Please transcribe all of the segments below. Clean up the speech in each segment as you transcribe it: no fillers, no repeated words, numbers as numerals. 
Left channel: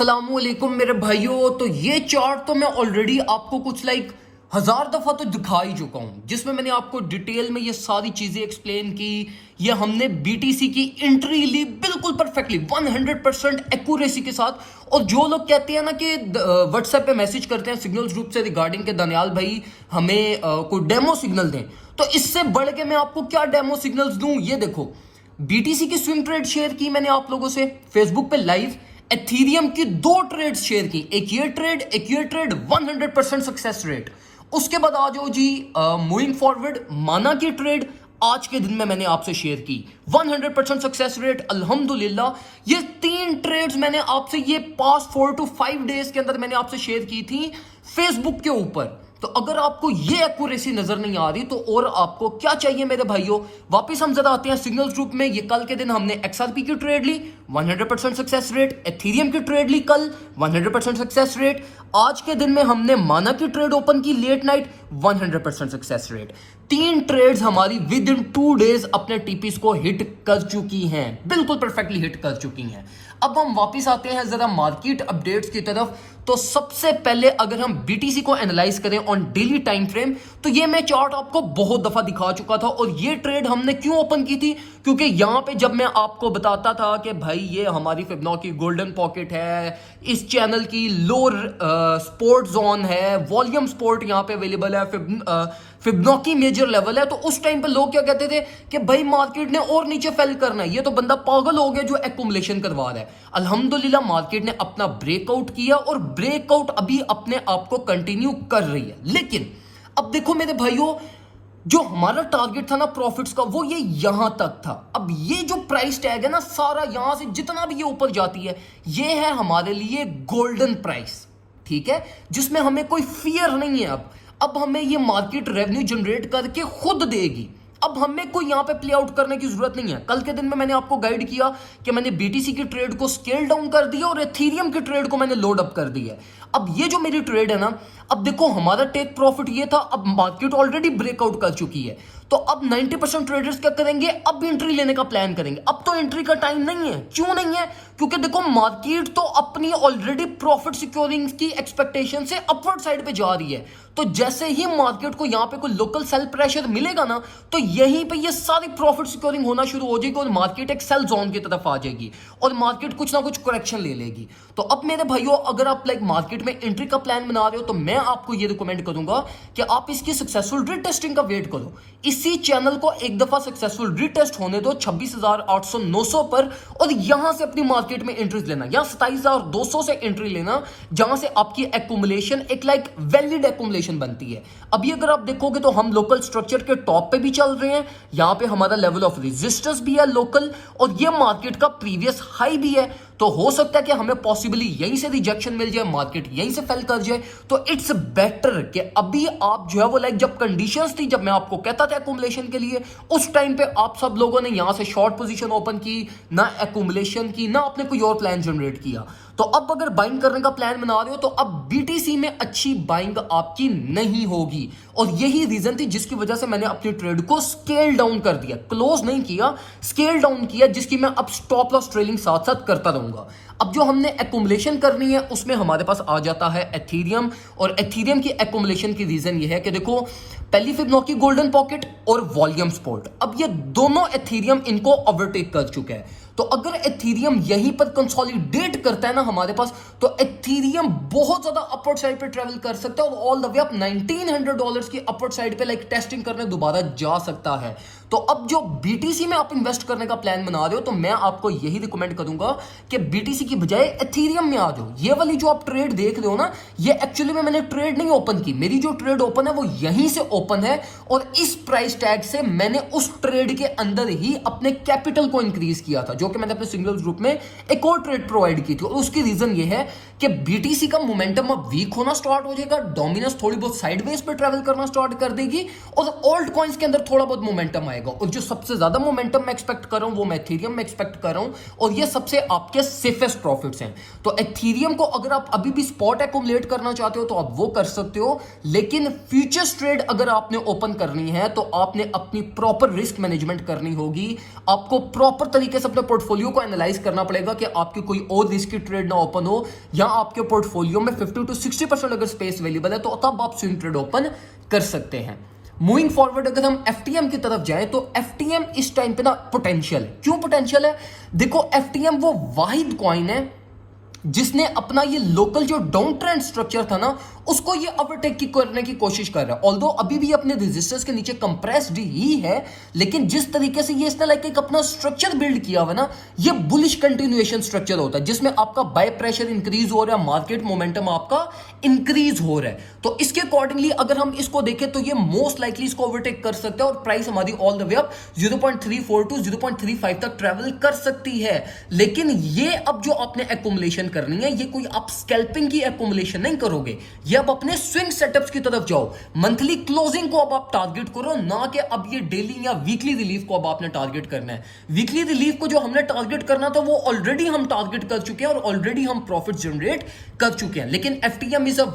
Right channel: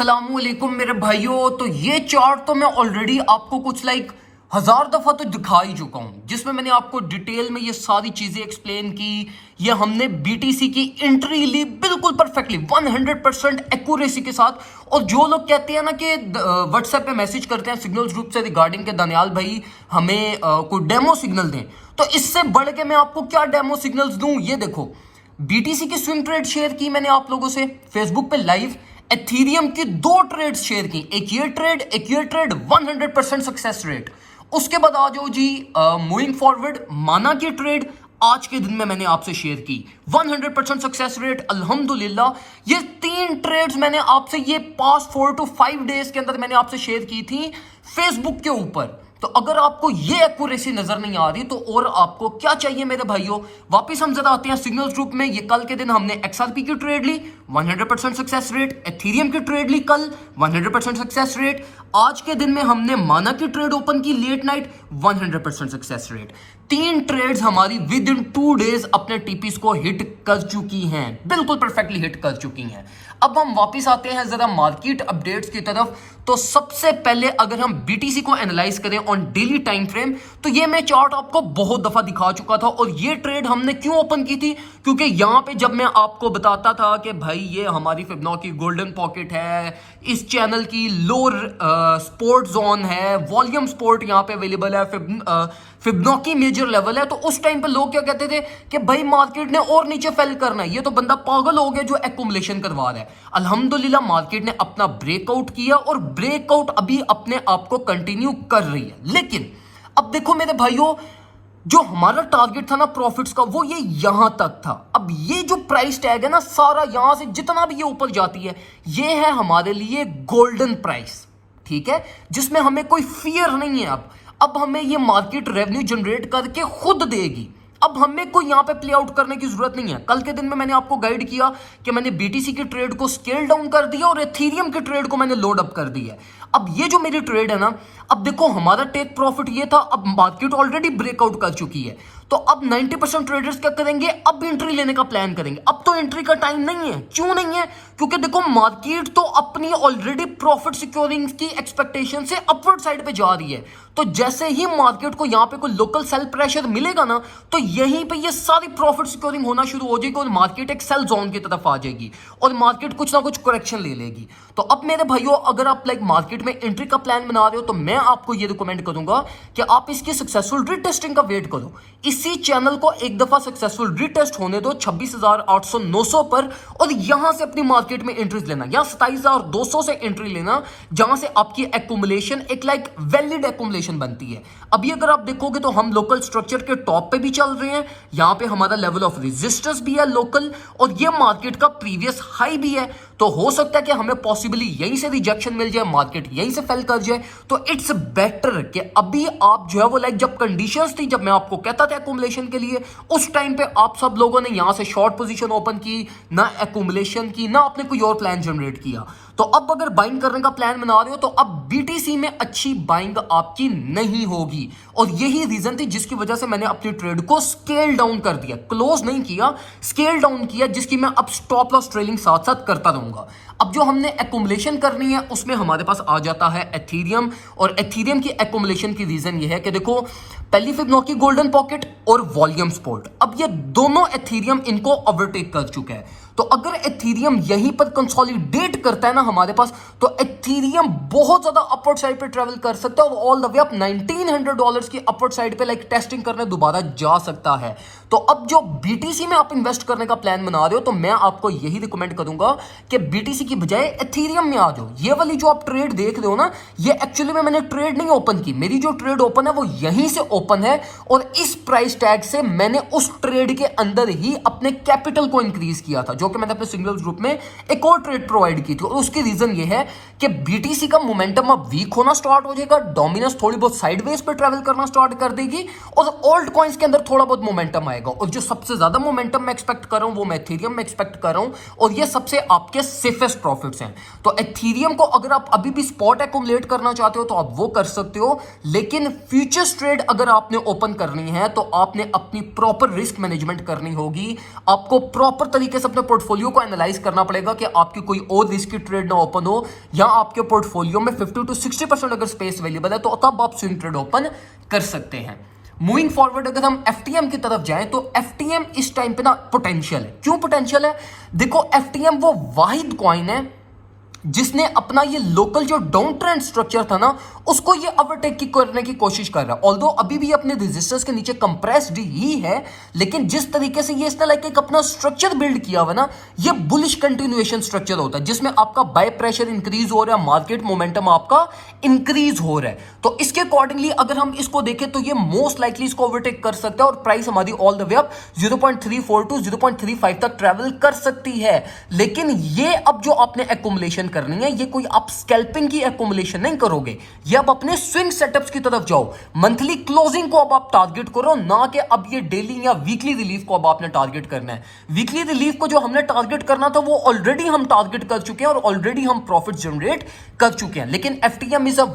अस्सलामुअलैकुम मेरे भाइयों। तो ये चार्ट तो मैं ऑलरेडी आपको कुछ हजार दफा तो दिखा ही चुका हूं, जिसमें मैंने आपको डिटेल में ये सारी चीजें एक्सप्लेन की। ये हमने बीटीसी की एंट्री ली बिल्कुल परफेक्टली 100% एक्यूरेसी के साथ। और जो लोग कहते हैं ना कि व्हाट्सएप पे मैसेज करते हैं सिग्नल्स ग्रुप से रिगार्डिंग के दानियाल भाई हमें कोई डेमो सिग्नल दें, तो इससे बढ़ के मैं आपको क्या डेमो सिग्नल्स दूं। ये देखो, बीटीसी की स्विंग ट्रेड शेयर की मैंने आप लोगों से फेसबुक पे लाइव। एथीरियम की 2 ट्रेड्स शेयर की, एक ये ट्रेड 100% सक्सेस रेट। उसके बाद आ जाओ जी मूविंग फॉरवर्ड माना की ट्रेड आज के दिन में मैंने आपसे शेयर की 100% सक्सेस रेट अल्हम्दुलिल्लाह। ये 3 ट्रेड्स मैंने आपसे ये पास्ट 4 to 5 डेज के अंदर मैंने आपसे शेयर की थी फेसबुक के ऊपर। तो अगर आपको ये एक्यूरेसी नजर नहीं आ रही तो और आपको क्या चाहिए मेरे भाइयों। वापस हम जरा आते हैं सिग्नल्स ग्रुप में। ये कल के दिन हमने एक्सआरपी की ट्रेड ली 100% सक्सेस रेट, एथीरियम की ट्रेड ली कल 100% सक्सेस रेट। आज के दिन में हमने माना की ट्रेड ओपन की late night 100% success rate. 3 trades हमारी विद इन 2 डेज अपने टीपीस को हिट कर चुकी हैं, बिल्कुल परफेक्टली हिट कर चुकी हैं। अब हम वापस आते हैं जरा मार्केट अपडेट्स की तरफ। तो सबसे पहले अगर हम बीटीसी को एनालाइज करें ऑन डेली टाइम फ्रेम, तो ये मैं चार्ट आपको बहुत दफा दिखा चुका था। और ये ट्रेड हमने क्यों ओपन की थी, क्योंकि यहां पे जब मैं आपको बताता था कि भाई ये हमारी फिबोनाची गोल्डन पॉकेट है, इस चैनल की लोअर सपोर्ट जोन है, वॉल्यूम सपोर्ट यहां पे अवेलेबल है, फिबोनाची मेजर लेवल है, तो उस टाइम पे लोग क्या कहते थे कि भाई मार्केट ने और नीचे फेल करना है, ये तो बंदा पागल हो गया जो एक्यूमुलेशन करवा रहा है। अल्हम्दुलिल्लाह मार्केट ने अपना ब्रेकआउट किया और ब्रेकआउट अभी अपने आप को कंटिन्यू कर रही है। लेकिन अब देखो मेरे भाइयों, जो हमारा टारगेट था ना प्रॉफिट्स का, वो ये यहां तक था। अब ये जो प्राइस टैग है ना सारा, यहां से जितना भी ये ऊपर जाती है, ये है हमारे लिए गोल्डन प्राइस, ठीक है, जिसमें हमें कोई फियर नहीं है। अब हमें ये मार्केट रेवेन्यू जनरेट करके खुद देगी। अब हमें कोई यहां पे प्ले आउट करने की जरूरत नहीं है। कल के दिन में मैंने आपको गाइड किया कि मैंने बीटीसी की ट्रेड को स्केल डाउन कर दिया और एथीरियम की ट्रेड को मैंने लोड अप कर दिया। अब ये जो मेरी ट्रेड है ना, अब देखो हमारा टेक प्रॉफिट ये था, अब मार्केट ऑलरेडी ब्रेकआउट कर चुकी है। तो अब 90% ट्रेडर्स क्या करेंगे, अब एंट्री लेने का प्लान करेंगे। अब तो एंट्री का टाइम नहीं है। क्यों नहीं है, क्योंकि देखो मार्केट तो अपनी ऑलरेडी प्रॉफिट सिक्योरिंग की एक्सपेक्टेशन से अपवर्ड साइड पे जा रही है। तो जैसे ही मार्केट को यहां पे कोई लोकल सेल प्रेशर मिलेगा ना, तो यहीं पे ये सारी प्रॉफिट सिक्योरिंग होना शुरू हो जाएगी और मार्केट एक सेल जोन की तरफ आ जाएगी और मार्केट कुछ ना कुछ करेक्शन ले लेगी। तो अब मेरे भाइयों, अगर आप मार्केट में एंट्री का प्लान बना रहे हो, तो मैं आपको ये रिकमेंड करूंगा कि आप इसकी सक्सेसफुल रीटेस्टिंग का वेट करो। इसी चैनल को एक दफा सक्सेसफुल रीटेस्ट होने दो 26,800-900 पर, और यहां से अपनी मार्केट में एंट्रीज लेना, या 27,200 से एंट्री लेना, जहां से आपकी एक्यूमुलेशन एक वैलिड एक्यूमुलेशन बनती है। अभी अगर आप देखोगे तो हम लोकल स्ट्रक्चर के टॉप पे भी चल रहे हैं, यहां पे हमारा लेवल ऑफ रेजिस्टेंस भी है लोकल, और ये मार्केट का प्रीवियस हाई भी है। तो हो सकता है कि हमें पॉसिबली यहीं से रिजेक्शन मिल जाए, मार्केट यहीं से फेल कर जाए। तो इट्स बेटर कि अभी आप जो है वो जब कंडीशंस थी, जब मैं आपको कहता था एक्यूमुलेशन के लिए, उस टाइम पे आप सब लोगों ने यहां से शॉर्ट पोजीशन ओपन की, ना एक्यूमुलेशन की, ना आपने कोई और प्लान जनरेट किया। तो अब अगर बाइंग करने का प्लान बना रहे हो, तो अब बीटीसी में अच्छी बाइंग आपकी नहीं होगी। और यही रीजन थी जिसकी वजह से मैंने अपनी ट्रेड को स्केल डाउन कर दिया, क्लोज नहीं किया, स्केल डाउन किया, जिसकी मैं अब स्टॉप लॉस ट्रेलिंग साथ साथ करता रहूंगा। अब जो हमने एक्यूमुलेशन करनी है, उसमें हमारे पास आ जाता है एथीरियम। और एथीरियम की एक्यूमुलेशन की रीजन ये है कि देखो, पहली फिबोनाची गोल्डन पॉकेट और वॉल्यूम सपोर्ट, अब ये दोनों एथीरियम इनको ओवरटेक कर चुके हैं। तो अगर एथीरियम यहीं पर कंसोलिडेट करता है ना हमारे पास, तो एथीरियम बहुत ज्यादा अपवर्ड साइड पे ट्रेवल कर सकता है और ऑल द वे अप $1,900 की अपवर्ड साइड पे टेस्टिंग करने दोबारा जा सकता है। तो अब जो बीटीसी में आप इन्वेस्ट करने का प्लान बना रहे हो, तो मैं आपको यही रिकमेंड करूंगा कि बीटीसी की बजाय एथीरियम में आ जाओ। ये वाली जो आप ट्रेड देख रहे हो ना, ये एक्चुअली में मैंने ट्रेड नहीं ओपन की, मेरी जो ट्रेड ओपन है वो यहीं से ओपन है, और इस प्राइस टैग से मैंने उस ट्रेड के अंदर ही अपने कैपिटल को इंक्रीज किया था, जो कि मैंने अपने सिग्नल्स ग्रुप में एक और ट्रेड प्रोवाइड की थी। और उसकी रीजन ये है कि बीटीसी का मोमेंटम अब वीक होना स्टार्ट हो जाएगा, डोमिनेंस थोड़ी बहुत साइडवेज पे ट्रेवल करना स्टार्ट कर देगी, और ऑल्ट कॉइंस के अंदर थोड़ा बहुत मोमेंटम आएगा। और जो सबसे ज्यादा मोमेंटम मैं एक्सपेक्ट कर रहा हूं वो मैं एथीरियम में एक्सपेक्ट कर रहा हूं, और ये सबसे आपके सेफेस्ट जबरदस्त प्रॉफिट्स हैं। तो एथीरियम को अगर आप अभी भी स्पॉट एक्यूमुलेट करना चाहते हो तो आप वो कर सकते हो, लेकिन फ्यूचर्स ट्रेड अगर आपने ओपन करनी है तो आपने अपनी प्रॉपर रिस्क मैनेजमेंट करनी होगी। आपको प्रॉपर तरीके से अपने पोर्टफोलियो को एनालाइज करना पड़ेगा कि आपकी कोई और रिस्की ट्रेड ना ओपन हो, या आपके पोर्टफोलियो में 50 to 60% अगर स्पेस अवेलेबल है तो तब आप स्विंग ट्रेड ओपन कर सकते हैं। मूविंग फॉरवर्ड अगर हम एफटीएम की तरफ जाएं तो एफटीएम इस टाइम पे ना पोटेंशियल है। क्यों पोटेंशियल है? देखो, एफटीएम वो वाहिद कॉइन है जिसने अपना ये लोकल जो डाउन ट्रेंड स्ट्रक्चर था ना उसको ये ओवरटेक करने की कोशिश कर रहा है। ऑल्दो अभी भी अपने रेजिस्टेंस के नीचे कंप्रेस्ड ही है, लेकिन जिस तरीके से ये इसने लाइक एक अपना स्ट्रक्चर बिल्ड किया हुआ ना, ये बुलिश कंटिन्यूएशन स्ट्रक्चर होता है जिसमें आपका बाय प्रेशर इंक्रीज हो रहा है, मार्केट मोमेंटम आपका इंक्रीज हो रहा है। तो इसके अकॉर्डिंगली अगर हम इसको देखें तो ये मोस्ट लाइकली इसको ओवरटेक कर सकता है और प्राइस हमारी all the way up 0.34 to 0.35 तक ट्रेवल कर सकती है। लेकिन ये अब जो आपने एक्यूमुलेशन करनी है, ये कोई आप स्कैल्पिंग की एक्यूमुलेशन नहीं करोगे, ये अब अपने स्विंग सेटअप्स की तरफ जाओ। मंथली क्लोजिंग को अब आप टारगेट करो, ना कि अब ये डेली या वीकली रिलीफ को अब आपने टारगेट करना है। वीकली रिलीफ को जो हमने टारगेट करना था वो ऑलरेडी हम टारगेट कर चुके हैं और ऑलरेडी हम प्रॉफिट जनरेट कर चुके हैं। लेकिन FTM is a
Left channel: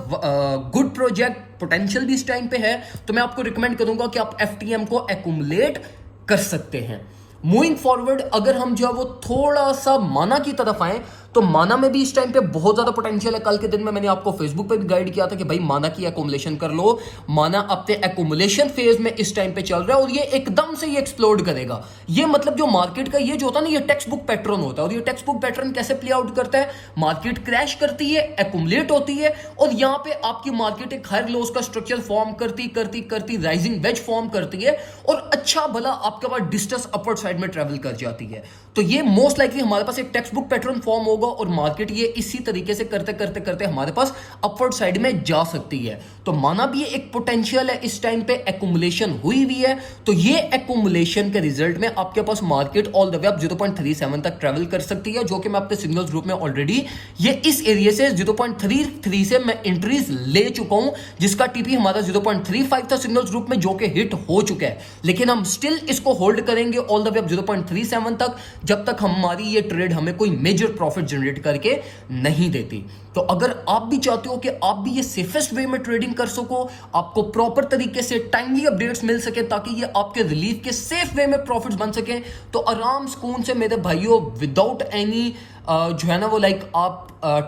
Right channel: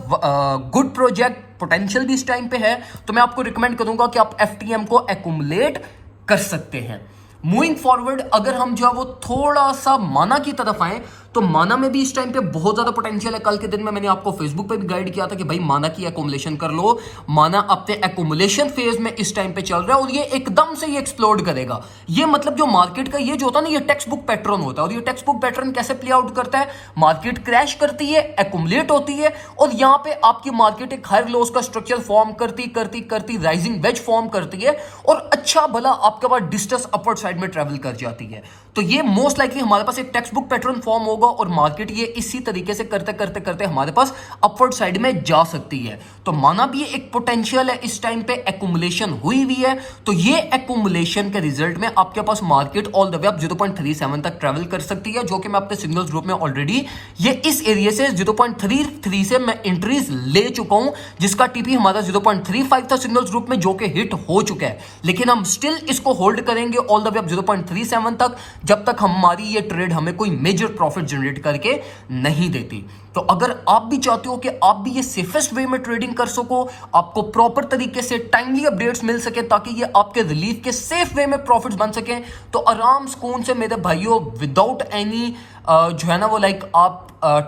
good project, potential भी इस टाइम पे है, तो मैं आपको रिकमेंड करूंगा कि आप एफटीएम को एक्यूमुलेट कर सकते हैं। मूविंग फॉरवर्ड अगर हम जो है वो थोड़ा सा माना की तरफ आए तो माना में भी इस टाइम पे बहुत ज्यादा पोटेंशियल है। कल के दिन में मैंने आपको फेसबुक पे भी गाइड किया था कि भाई माना की एक्यूमुलेशन कर लो। माना अपने एक्यूमुलेशन फेज में इस टाइम पे चल रहा है और ये एकदम से ये एक्सप्लोड करेगा। ये मतलब जो मार्केट का ये जो होता है ना, ये टेक्स्ट बुक पैटर्न होता है। और ये टेक्स्ट बुक पैटर्न कैसे प्ले आउट करता है? मार्केट क्रैश करती है, एक्यूमुलेट होती है और यहां पे आपकी मार्केट एक हायर लोस का स्ट्रक्चर फॉर्म करती करती करती राइजिंग वेज फॉर्म करती है और अच्छा भला आपके पास डिस्टेंस अपवर्ड साइड में ट्रेवल कर जाती है। तो ये मोस्ट लाइकली हमारे पास एक टेक्स्ट बुक पैटर्न फॉर्म होगा और मार्केट ये इसी तरीके से करते करते करते हमारे पास अपवर्ड साइड में जा सकती है। तो माना भी ये एक पोटेंशियल है, इस टाइम पे एक्यूमुलेशन हुई हुई है, तो ये एक्यूमुलेशन के रिजल्ट में आपके पास market all the way up 0.37 तक ट्रेवल कर सकती है, जो कि मैं अपने सिग्नल्स ग्रुप में ऑलरेडी ये इस एरिया से 0.33 से मैं एंट्रीज ले चुका हूं, जिसका टीपी हमारा 0.35 था सिग्नल्स ग्रुप में, जो कि हिट हो चुका है। लेकिन हम स्टिल इसको होल्ड करेंगे ऑल द वे अप 0.37 तक, जब तक हमारी ये ट्रेड हमें कोई मेजर प्रॉफिट जनरेट करके नहीं देती। तो अगर आप भी चाहते हो कि आप भी ये सेफेस्ट वे में ट्रेडिंग कर सको, आपको प्रॉपर तरीके से टाइमली अपडेट्स मिल सके ताकि ये आपके रिलीफ के सेफ वे में प्रॉफिट्स बन सके, तो आराम सुकून से मेरे भाइयों विदाउट एनी जो है ना वो लाइक आप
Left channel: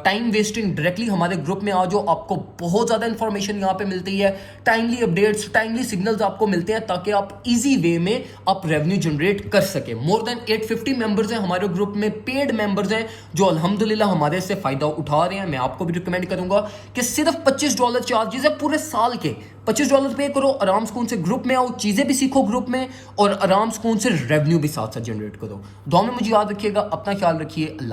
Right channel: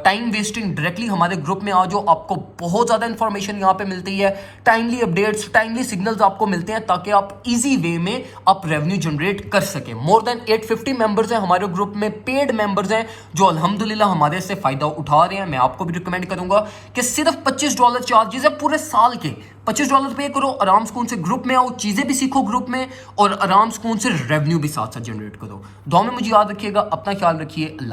टाइम वेस्टिंग डायरेक्टली हमारे ग्रुप में आ जाओ। आपको बहुत ज़्यादा इंफॉर्मेशन यहाँ पे मिलती है, टाइमली अपडेट्स, टाइमली सिग्नल्स आपको मिलते हैं ताकि आप इजी वे में आप रेवेन्यू जनरेट कर सके। मोर देन 850 मेंबर्स हैं हमारे ग्रुप में, पेड मेंबर्स हैं जो अल्हम्दुलिल्लाह हमारे से फ़ायदा उठा रहे हैं। मैं आपको भी रिकमेंड करूंगा कि सिर्फ $25 चार्जेस है पूरे साल के। $25 पे करो, आराम सुकून से ग्रुप में आओ, चीज़ें भी सीखो ग्रुप में और आराम सुकून से रेवेन्यू भी साथ साथ जनरेट करो। दुआ में मुझे याद रखिएगा, अपना ख्याल रखिए। अल्लाह।